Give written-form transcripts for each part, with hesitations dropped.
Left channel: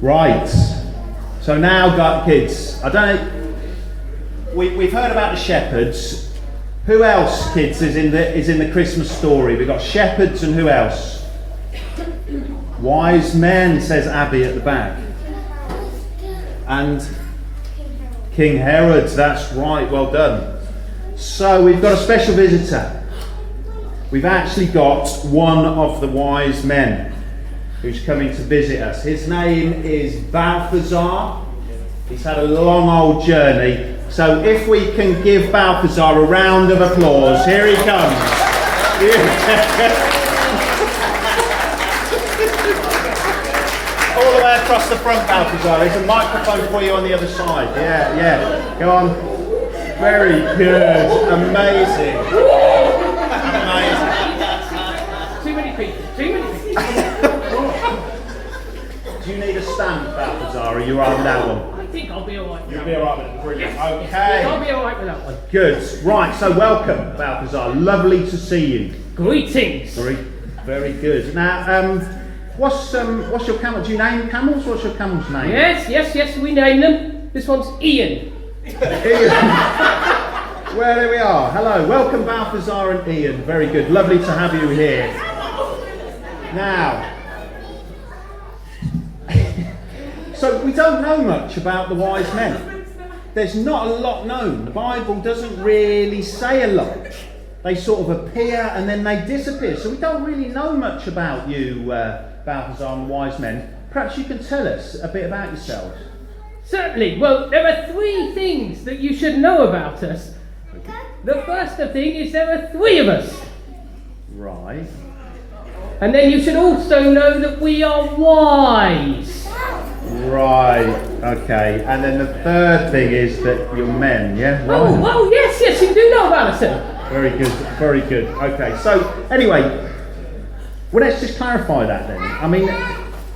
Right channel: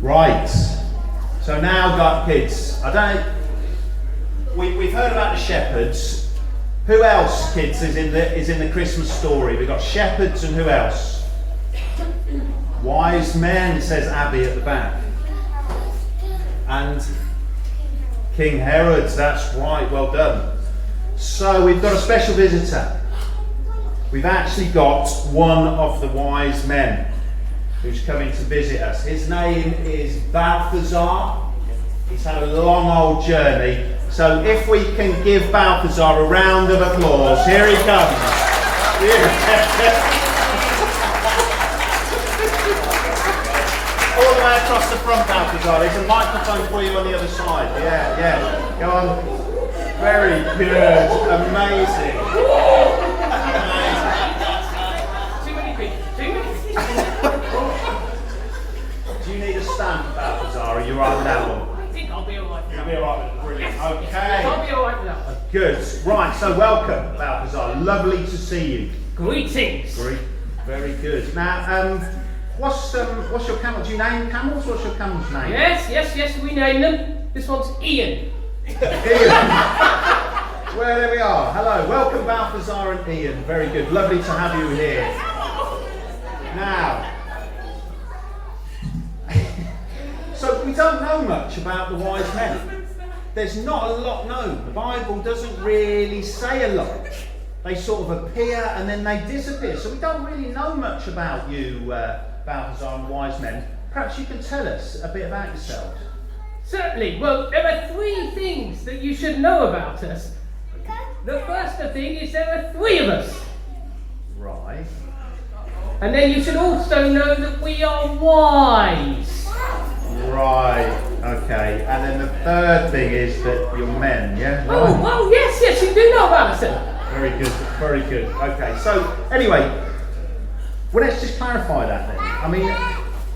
Right. So now, kids, I don't know. We've heard about the shepherds. Who else, kids, is in the Christmas story? We've got shepherds and who else? Wise men, says Abby at the back. And King Herod, that's right, well done. So we've got a special visitor. We've actually got one of the wise men who's coming to visit us. His name is Balthazar. He's had a long old journey. So if we can give Balthazar a round of applause. Here he comes. All the way across the front, Balthazar. There's a microphone for you on the other side. Yeah. Go on. Very good. Amazing. Too many people. Do you need a stand, Balthazar, or are you right with that one? I think I'll be alright with that. You'll be alright with it. Brilliant. Yes, Okay. I'll be alright with that one. Good. Right, so welcome, Balthazar. Lovely to see you. Greetings. Very good. Now, what's your camel? Do you name camels? What's your camel's name? Yes, we name them. This one's Ian. Well, there we are. Hello. Welcome, Balthazar and Ian. Very good. Lovely to have you here. Now, so we don't know much about the wise men. There's not a lot known. The Bible doesn't really say a lot. They sort of appear and then they disappear. So we don't really know much about you, Balthazar and the wise men. Perhaps you can tell us a bit about yourselves. Certainly. Well, there are 3 things that you should know about us. The first thing is there are 3 of us. Right. And then you should also know that we are wise. Right, okay. And then the third thing is that you're men, yeah? Right. Oh, yes, you do know about us, sir. Very good. Okay, so anyway, well, let's just clarify that then. I mean,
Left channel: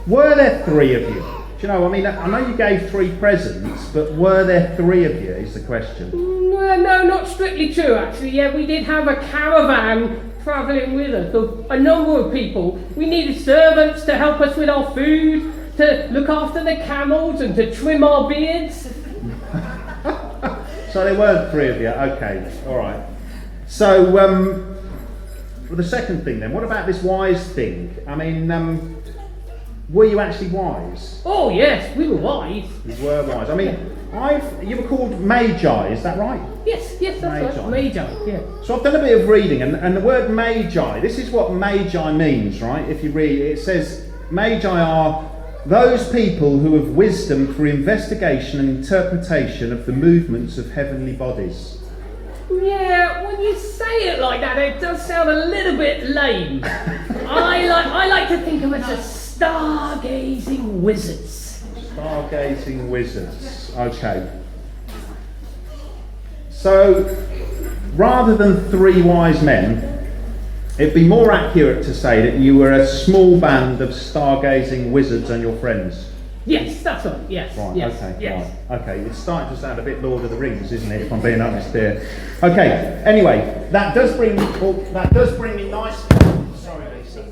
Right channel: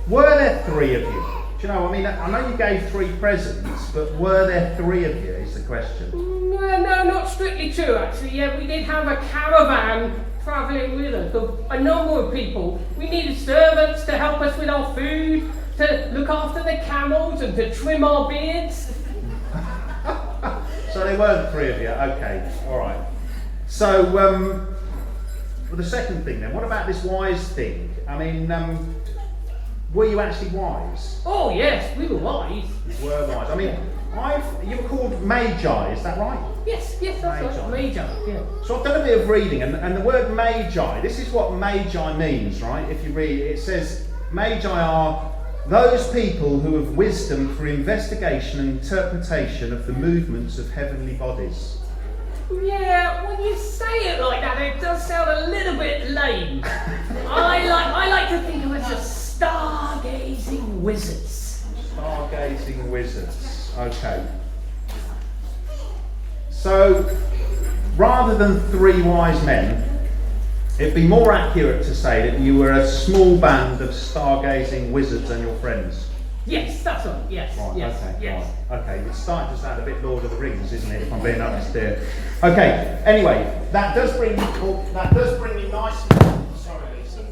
were there 3 of you? Do you know, I mean, I know you gave 3 presents, but were there 3 of you is the question. Well, no, not strictly true, actually. Yeah, we did have a caravan travelling with us of a number of people. We needed servants to help us with our food, to look after the camels and to trim our beards. So there weren't 3 of you, okay, alright. So, well, the second thing then, what about this wise thing? I mean, were you actually wise? Oh yes, we were wise. You were wise. I mean, you were called Magi, is that right? Yes, that's right. Magi, yeah. So I've done a bit of reading, and the word Magi, this is what Magi means, right? If you read it, it says, Magi are those people who have wisdom for investigation and interpretation of the movements of heavenly bodies. Yeah, when you say it like that, it does sound a little bit lame. I like to think of it as stargazing wizards. Stargazing wizards, okay. So, rather than 3 wise men, it'd be more accurate to say that you were a small band of stargazing wizards and your friends. Yes, that's right. Yes. Right. Yes, Okay. yes. Right. Okay. It's starting to sound a bit Lord of the Rings, isn't it? If I'm being honest here. Okay. Anyway, that does bring me nicely. Sorry, Lisa.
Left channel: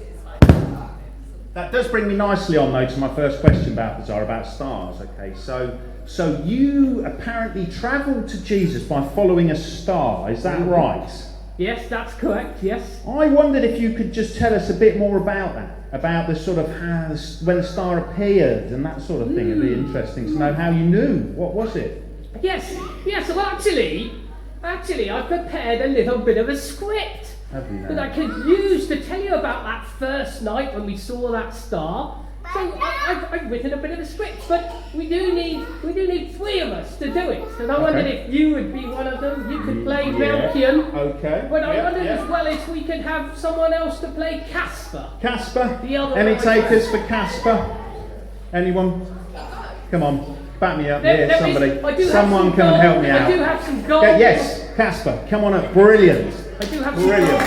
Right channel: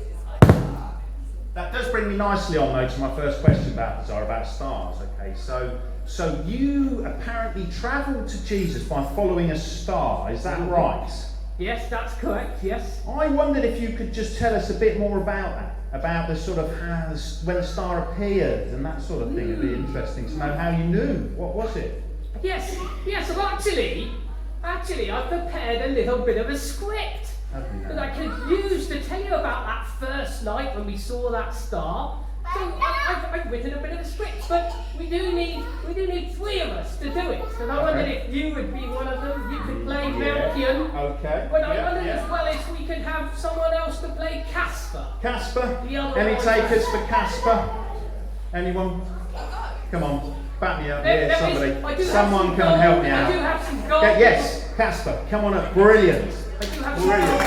That does bring me nicely on, though, to my first question, Balthazar, about stars. Okay. So you apparently travelled to Jesus by following a star. Is that right? Yes, that's correct. Yes. I wondered if you could just tell us a bit more about that. About the sort of how when the star appeared and that sort of thing. It'd be interesting to know how you knew. What was it? Yes. Well, actually, I prepared a little bit of a script that I could use to tell you about that first night when we saw that star. So I've written a bit of a script, but we do need 3 of us to do it. And I wondered if you would be one of them. You could play Melchior. Okay. But I wondered as well if we could have someone else to play Casper. Casper? The other Any one. takers for Casper? Anyone? Come on, back me up here, somebody. Someone come and help me out. I do have some gold. Yes, Casper, come on up. Brilliant. I do have some Brilliant.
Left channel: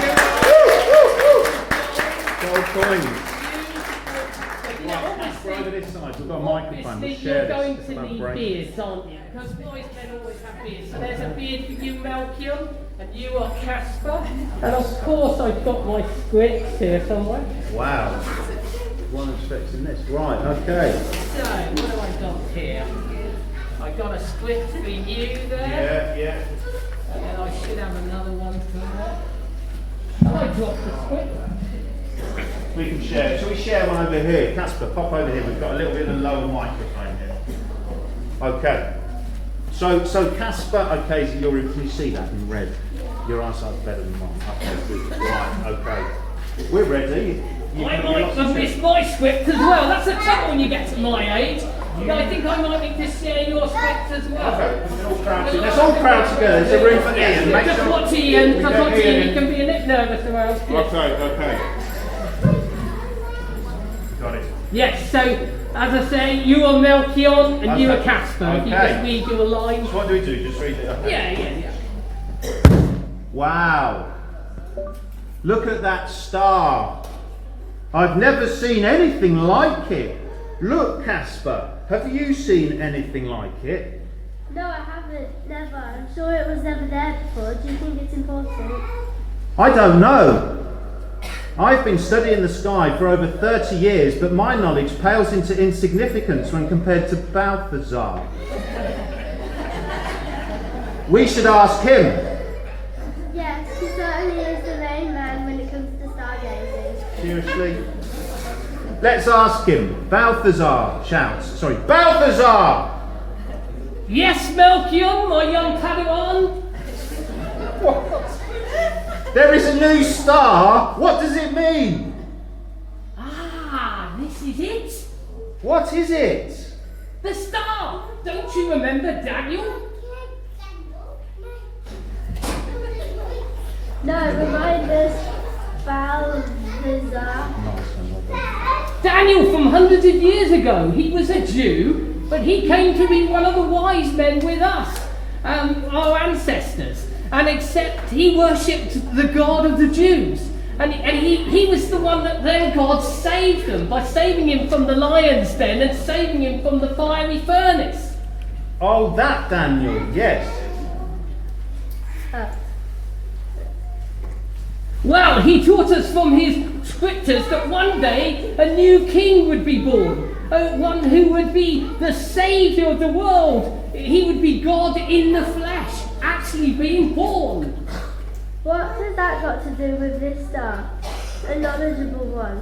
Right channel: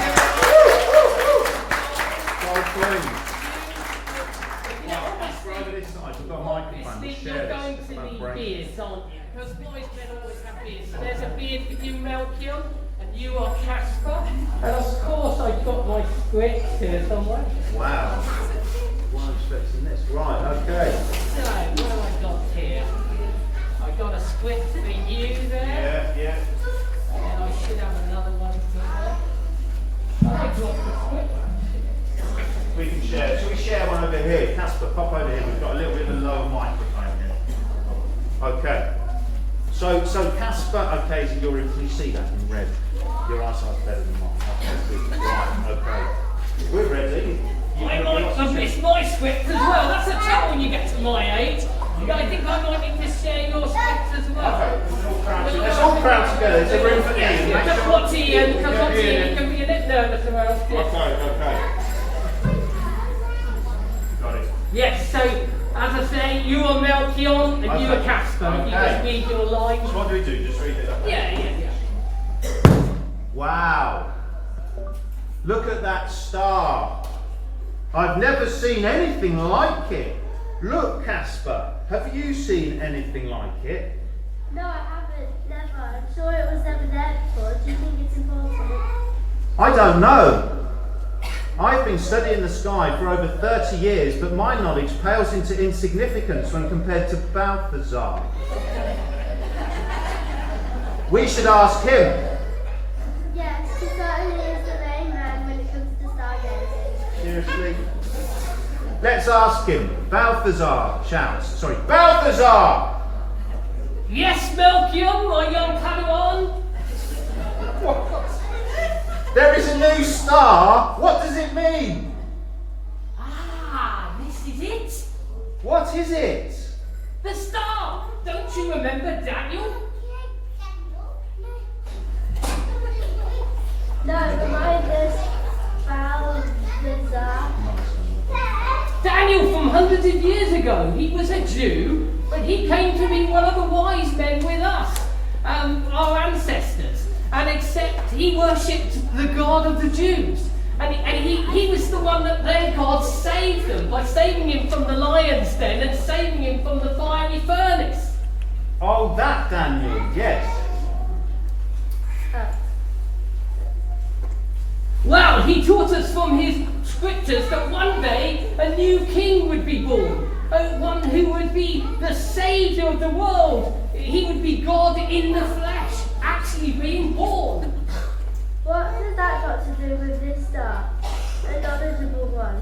gold. Gold coins. Over this side, we've got a microphone. We'll share You're going this. to need beards, aren't you? Because wise men always have beards. So there's a beard for you, Melchior, and you are Casper. And of course, I've got my script here somewhere. Wow. Wasn't expecting this. Right, okay. So, here. I got a script for you there. Yeah. And I should have another one somewhere. I dropped the script. We can share. Shall we share one over here? Casper, pop over here. We've got a little bit of a lower microphone here. Okay. So Casper, okay, so can you see that in red? Your eyesight's better than mine. Okay, good. Right, okay. We're ready. I might have missed my script as well. That's the trouble when you get to my age. I think I might need to share your script as well. Okay, let's all crowd together. There's a room for Ian. Just watch Ian, because watch Ian, he can be a bit nervous around. Okay. Got it. Yes, so as I say, you are Melchion and you are Casper. If you just read your lines. So what do we do? Just read it? Okay. Yeah. Wow. Look at that star. I've never seen anything like it. Look, Casper, have you seen anything like it? No, I haven't. Never. I'm sure it was never there before. Do you think it's important? I don't know. I've been studying the sky for over 30 years, but my knowledge pales into insignificance when compared to Balthazar. We should ask him. Yes, he certainly is the main man when it comes to stargazing. Seriously? Let's ask him. Balthazar shouts. Sorry, Balthazar! Yes, Melchion, my young Padawan. There is a new star. What does it mean? Ah, this is it. What is it? The star. Don't you remember Daniel? No, remind us, Balthazar. Daniel from hundreds of years ago. He was a Jew, but he came to be one of the wise men with us, our ancestors. And except he worshipped the God of the Jews. And he was the one that their God saved them by saving him from the lion's den and saving him from the fiery furnace. Oh, that Daniel, yes. Well, he taught us from his scriptures that one day a new king would be born. One who would be the saviour of the world. He would be God in the flesh, actually being born. What has that got to do with this star? A knowledgeable one.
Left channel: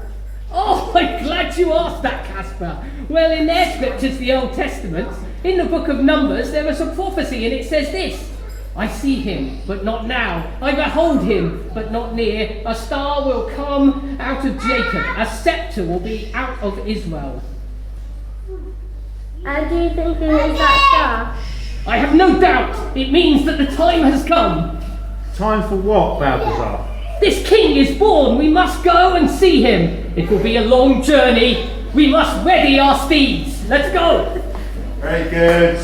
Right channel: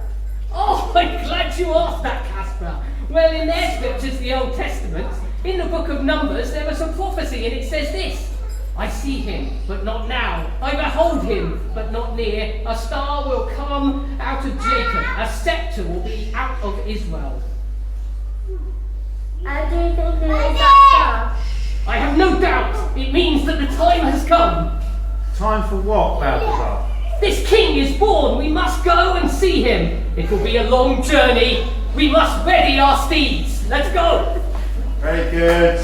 Oh, I'm glad you asked that, Casper. Well, in their scriptures, the Old Testament, in the book of Numbers, there was a prophecy, and it says this: I see him, but not now. I behold him, but not near. A star will come out of Jacob. A sceptre will be out of Israel. And do you think it is that star? I have no doubt. It means that the time has come. Time for what, Balthazar? This king is born. We must go and see him. It will be a long journey. We must ready our steeds. Let's go. Very good.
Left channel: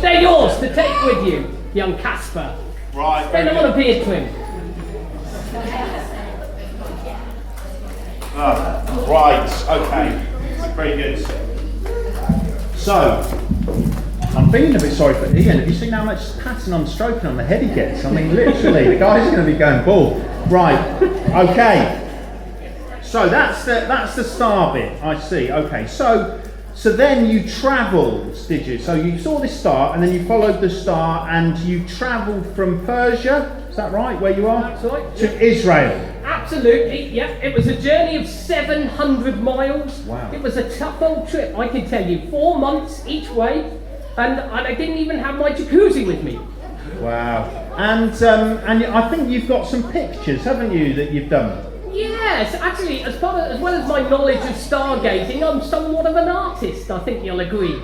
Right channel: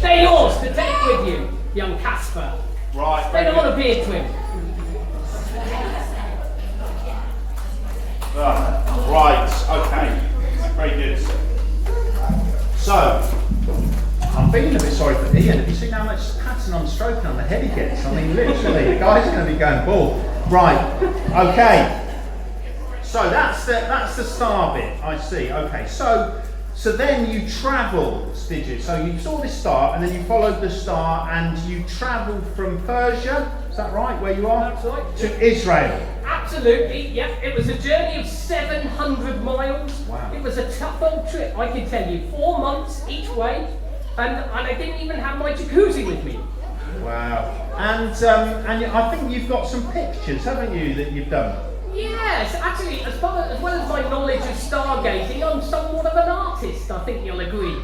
They're yours to take with you, young Casper. Right. They don't want to beard trim. Right, okay. Very good. So, I'm feeling a bit sorry for Ian. Have you seen how much patting on stroking on the head he gets? I mean, literally, the guy's going to be going bald. Right, okay. So that's the star bit, I see. Okay, so then you travelled, did you? So you saw this star, and then you followed the star, and you travelled from Persia, is that right, where you are? That's right. To Israel. Absolutely, yep. It was a journey of 700 miles. Wow. It was a tough old trip, I can tell you. 4 months each way, and I didn't even have my jacuzzi with me. Wow. And I think you've got some pictures, haven't you, that you've done? Yes, actually, as well as my knowledge of stargazing, I'm somewhat of an artist, I think you'll agree.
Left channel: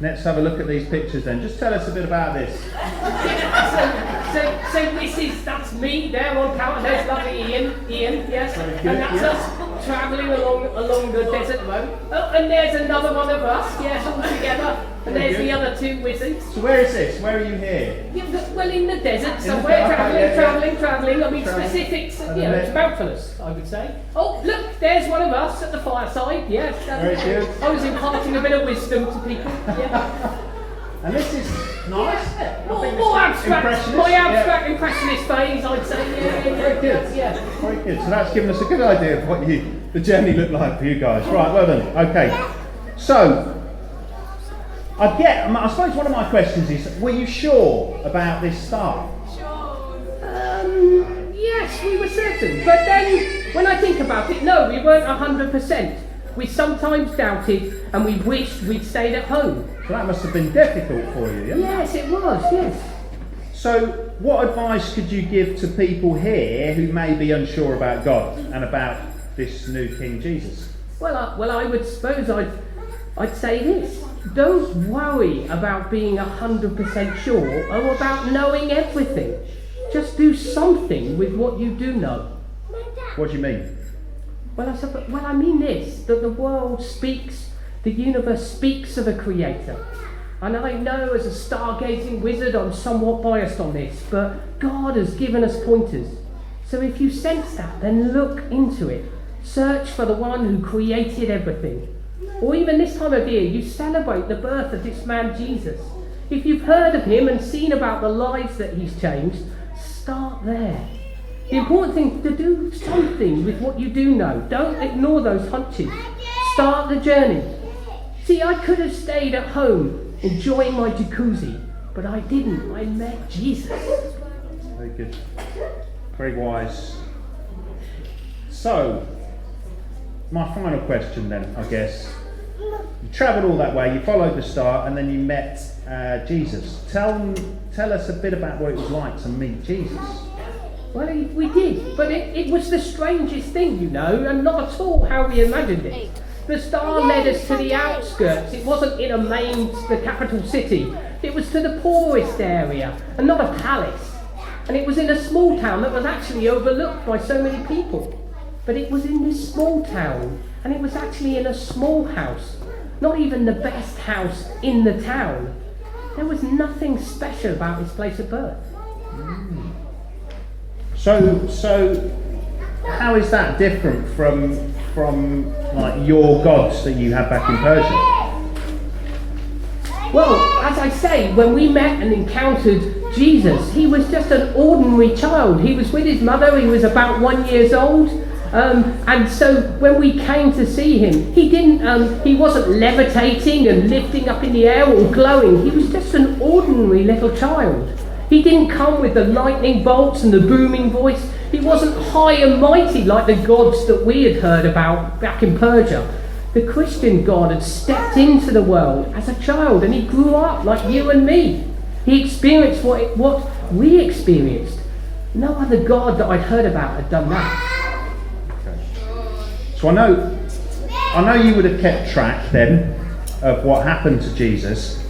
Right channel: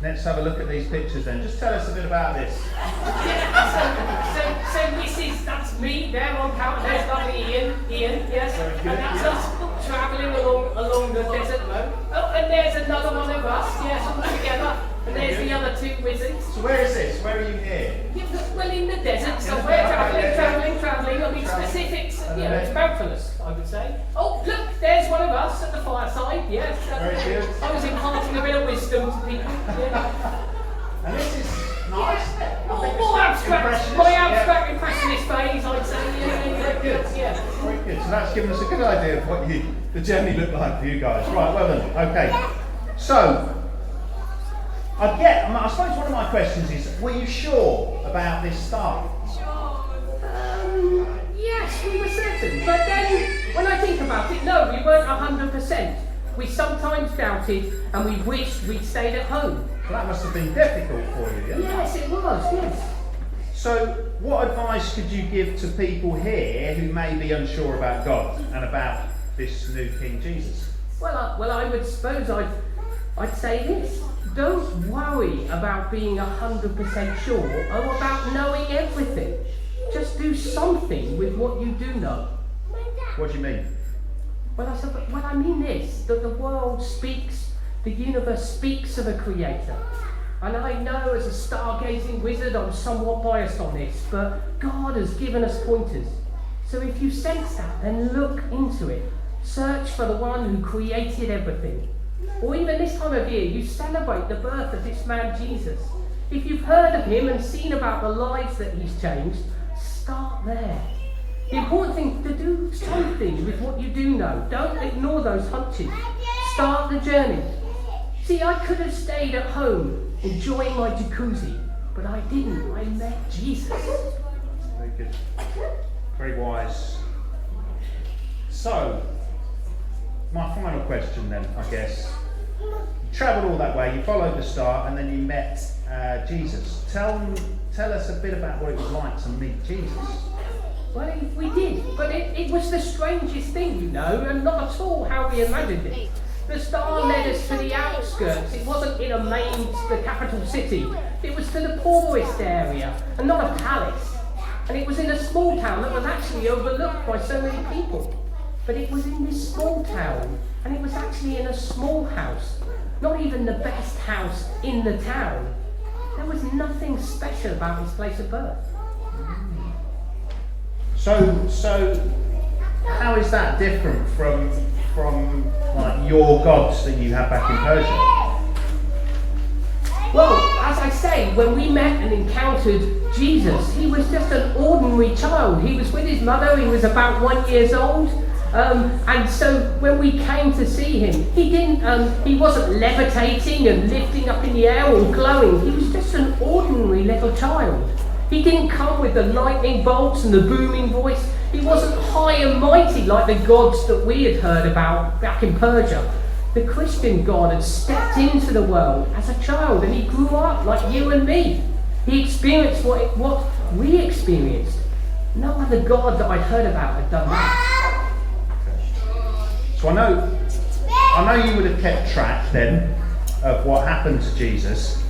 Let's have a look at these pictures then. Just tell us a bit about this. So that's me there on camera. There's lovely Ian, yes. Very good, And that's us travelling along the desert road. Oh, and there's another one of us, yes, all together. And Very there's good. the other 2 wizards. So where is this? Where are you here? Yeah, well, in the desert, the somewhere, desert, travelling. I mean, Travelling. specifics, And you know, then- it's bountifulous, I would say. Oh, look, there's one of us at the fireside, yes. Very good. I was imparting a bit of wisdom to people. Yeah. And this is Nice. More abstract, my abstract impressionist phase, I'd say. Yeah, good. Yeah. Very good. So that's given us a good idea of what the journey looked like for you guys. Right, well done. Okay. So, I suppose one of my questions is, were you sure about this star? Yes, we were certain. But then, when I think about it, no, we weren't 100%. We sometimes doubted, and we wished we'd stayed at home. So that must have been difficult for you, yeah? Yes, it was, yes. So, what advice could you give to people here who may be unsure about God and about this new King Jesus? Well, I would suppose I'd say this. Don't worry about being 100% sure or about knowing everything. Just do something with what you do know. What do you mean? Well, I mean this, that the world speaks, the universe speaks of a creator. And I know as a stargazing wizard I'm somewhat biased on this, but God has given us pointers. So if you sense that, then look into it. Search for the one who created everything. Or even this time of year, you celebrate the birth of this man Jesus. If you've heard of him and seen about the lives that he's changed, start there. The important thing is to do something with what you do know. Don't ignore those hunches. Start the journey. See, I could have stayed at home enjoying my jacuzzi, but I didn't. I met Jesus. Very good. Very wise. So, my final question then, I guess. You travelled all that way, you followed the star, and then you met Jesus. Tell us a bit about what it was like to meet Jesus. Well, we did, but it was the strangest thing, you know, and not at all how we imagined it. The star led us to the outskirts. It wasn't in the capital city. It was to the poorest area, and not a palace. And it was in a small town that was actually overlooked by so many people. But it was in this small town, and it was actually in a small house. Not even the best house in the town. There was nothing special about his place of birth. So how is that different from like your gods that you had back in Persia? Well, as I say, when we met and encountered Jesus, he was just an ordinary child. He was with his mother, he was about 1 year old. And so when we came to see him, he wasn't levitating and lifting up in the air or glowing. He was just an ordinary little child. He didn't come with the lightning bolts and the booming voice. He wasn't high and mighty like the gods that we had heard about back in Persia. The Christian God had stepped into the world as a child, and he grew up like you and me. He experienced what we experienced. No other God that I'd heard about had done that. So I know you would have kept track then of what happened to Jesus.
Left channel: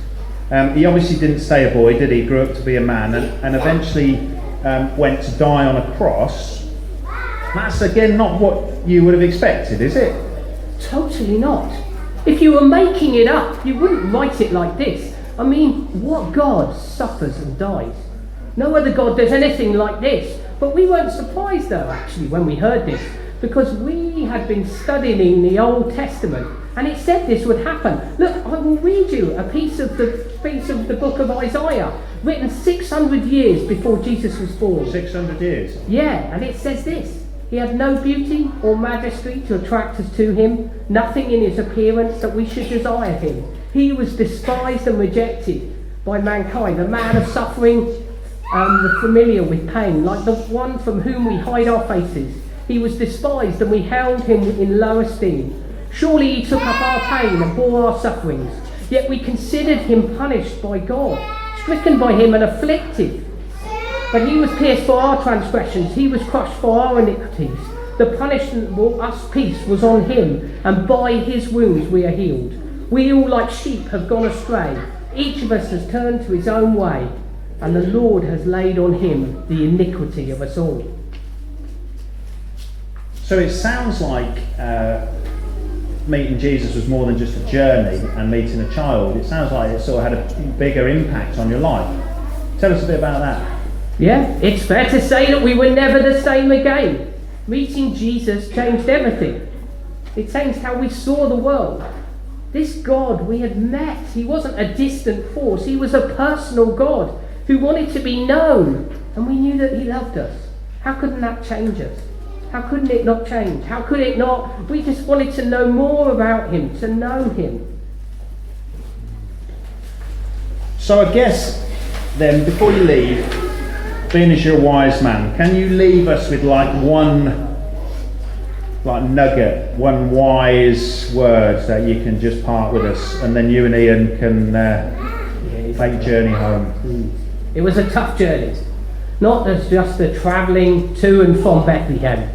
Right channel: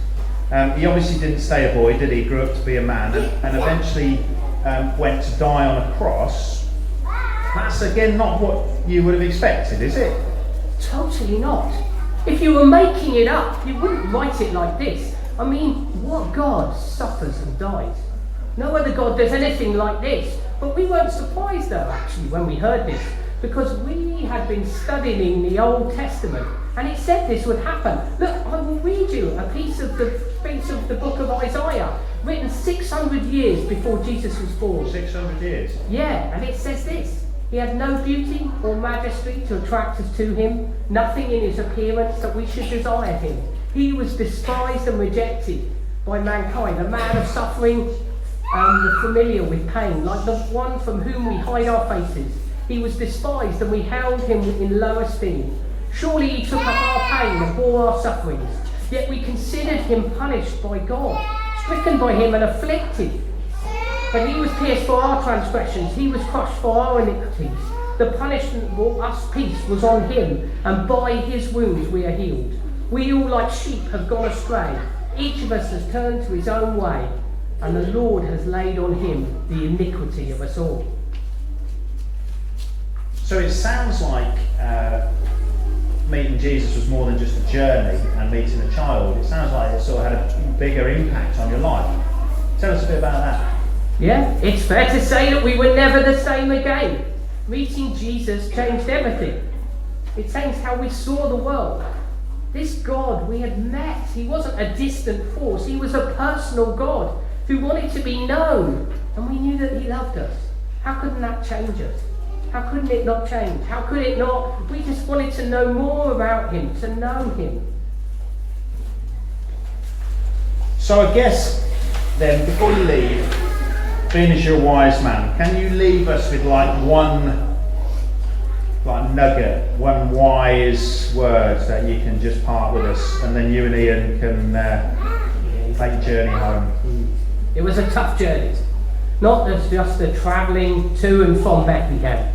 He obviously didn't stay a boy, did he? He grew up to be a man and eventually went to die on a cross. That's again not what you would have expected, is it? Totally not. If you were making it up, you wouldn't write it like this. I mean, what God suffers and dies? No other God does anything like this. But we weren't surprised though, actually, when we heard this, because we had been studying the Old Testament, and it said this would happen. Look, I will read you a piece of the book of Isaiah, written 600 years before Jesus was born. 600 years? Yeah, and it says this. He had no beauty or majesty to attract us to him, nothing in his appearance that we should desire him. He was despised and rejected by mankind, a man of suffering, familiar with pain, like the one from whom we hide our faces. He was despised and we held him in low esteem. Surely he took up our pain and bore our sufferings, yet we considered him punished by God, stricken by him and afflicted. But he was pierced for our transgressions, he was crushed for our iniquities. The punishment for us peace was on him, and by his wounds we are healed. We all like sheep have gone astray. Each of us has turned to his own way, and the Lord has laid on him the iniquity of us all. So it sounds like meeting Jesus was more than just a journey and meeting a child. It sounds like it sort of had a bigger impact on your life. Tell us a bit about that. Yeah, it's fair to say that we were never the same again. Meeting Jesus changed everything. It changed how we saw the world. This God we had met. He wasn't a distant force. He was a personal God who wanted to be known. And we knew that he loved us. How couldn't that change us? How couldn't it not change? How could it not? We just wanted to know more about him, to know him. So I guess then, before you leave, being as you're a wise man, can you leave us with one nugget, one wise word that you can just part with us, and then you and Ian can take a journey home? It was a tough journey. Not as just the travelling to and from Bethlehem,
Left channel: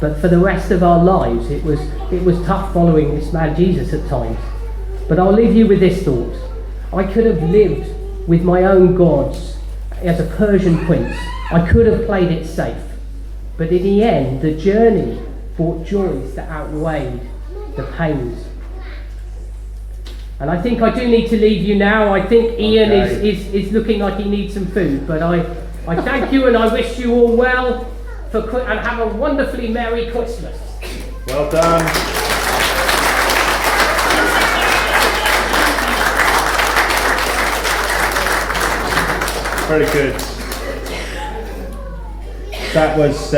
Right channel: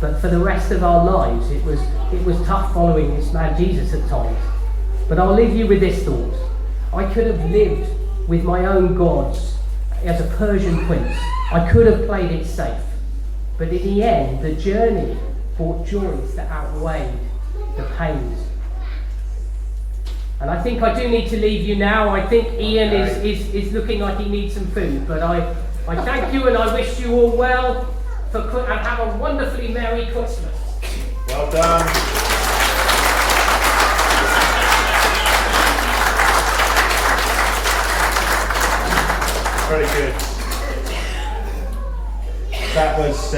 but for the rest of our lives. It was tough following this man Jesus at times. But I'll leave you with this thought. I could have lived with my own gods as a Persian prince. I could have played it safe. But in the end, the journey brought joys that outweighed the pains. And I think I do need to leave you now. I think Ian is looking like he needs some food. But I thank you and I wish you all well and have a wonderfully Merry Christmas. Well done. Very good. That was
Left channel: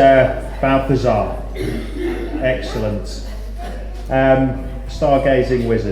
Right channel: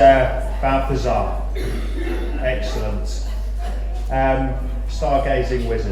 Balthazar. Excellent. Stargazing wizard.